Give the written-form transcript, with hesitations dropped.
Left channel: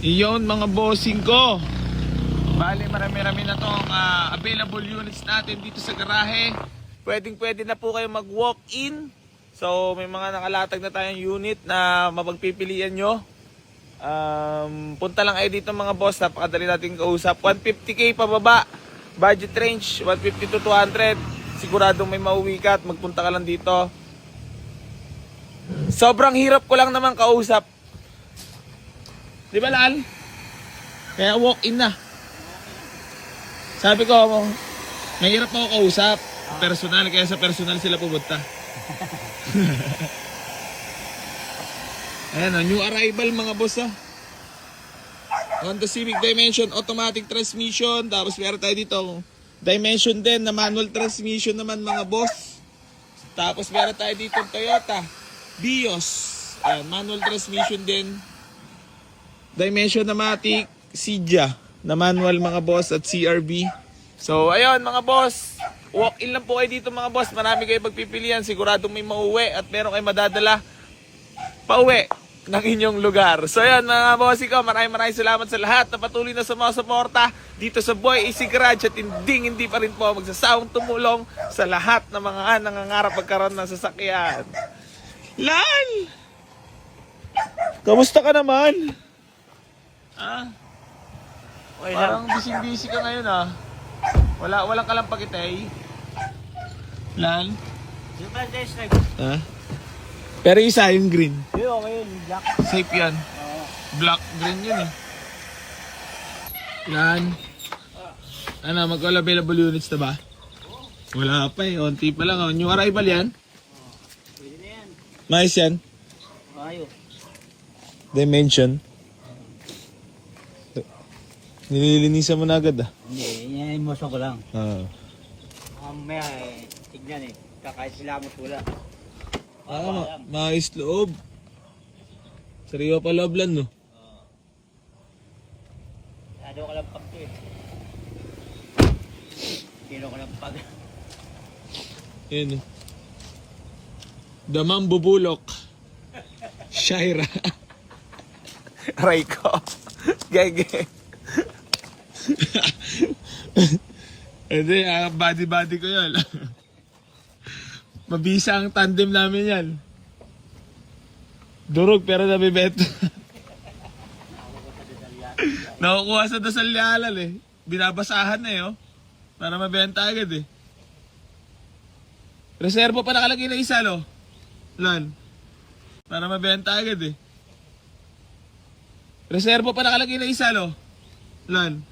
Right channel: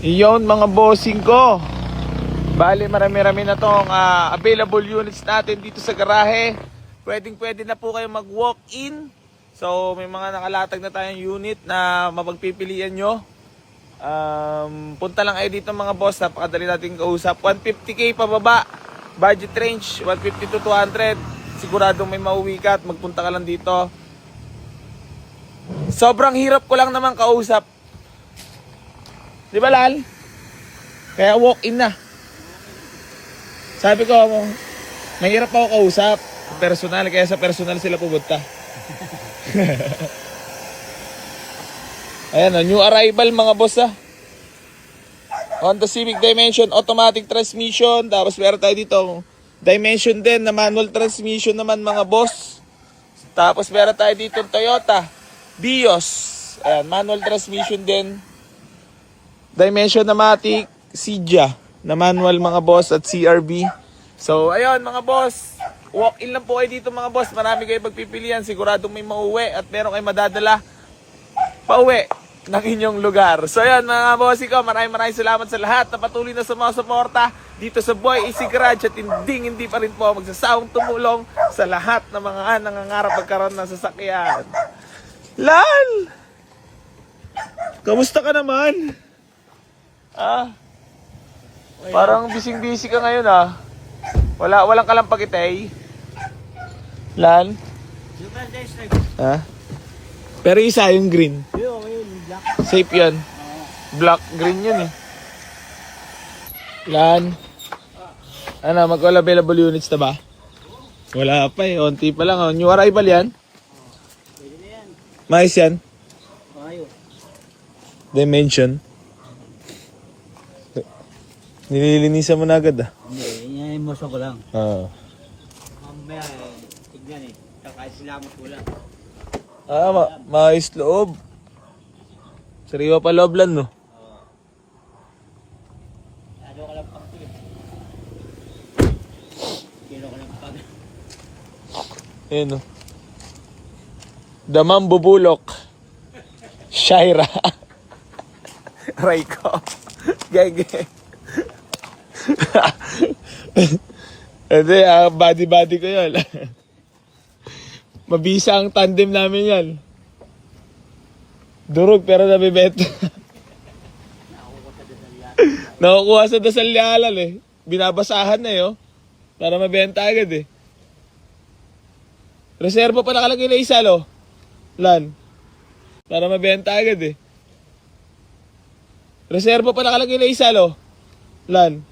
Iyon mga bossing ko. Bali marami-rami na tong available units natin dito sa garahe. Pwede na po kayo mag-walk-in. So may mga nakalatag na tayong unit na mapagpipilian nyo. Punta lang kayo dito mga boss. Napakadali natin kausap. 150k pababa. Budget range 150 to 200. Siguradong may mauwi ka at magpunta ka lang dito. Sobrang hirap ko lang naman kausap. Di ba Lal? Kaya walk-in na. Sabi ko, mahirap ako kausap. Personal, kaya sa personal sila pupunta. Ayan, new arrival mga boss Honda Civic Dimension, automatic transmission. Tapos meron tayo dito Dimension din na manual transmission naman mga boss. Tapos meron tayo dito Toyota Vios. Ayan, manual transmission din. Dimension na Matic, Cydia na manual mga boss at CRV. So ayun mga boss, walk-in lang po kayo dito mga boss. Marami kayo pagpipilian, siguradong may mauwi at meron kayo madadala pauwi ng inyong lugar. So ayun mga boss ko, maraming salamat sa lahat na patuloy na sumusuporta dito sa Boy AC Garage at hindi pa rin po magsasawang tumulong sa lahat ng mga nangangarap magkaroon ng sasakyan. Lal! Kamusta ka naman? Okay, parang busy ka ngayon Walang kalampagitay. Lal? Pero isa yung green. Okay, black. Safe yan. Black, green yun Lan? Ano, mag-available units na ba? Wala pa onti pa lang New arrival yan? Pwede na yan. Mais yan? Ayos. Dimension? Nililinisan mo na agad Hindi, yan yung muso ko lang. Mamaya tignan kakait sila mo pula. Mais loob. Sariwa pa loob lang Ano ka lang pag Kilo ka lang pag. Ayun Damang bubulok. Shaira. Raiko. Gege. Hindi, body ko yun. Mabisa ang tandem namin yan. Durog pero nabibenta. Nakukuha sa Dasal Lialal Binabasahan na para mabenta agad Reserva pa nakalagay na isa Lan. Para mabenta agad Reserva pa nakalagay na isa Lan.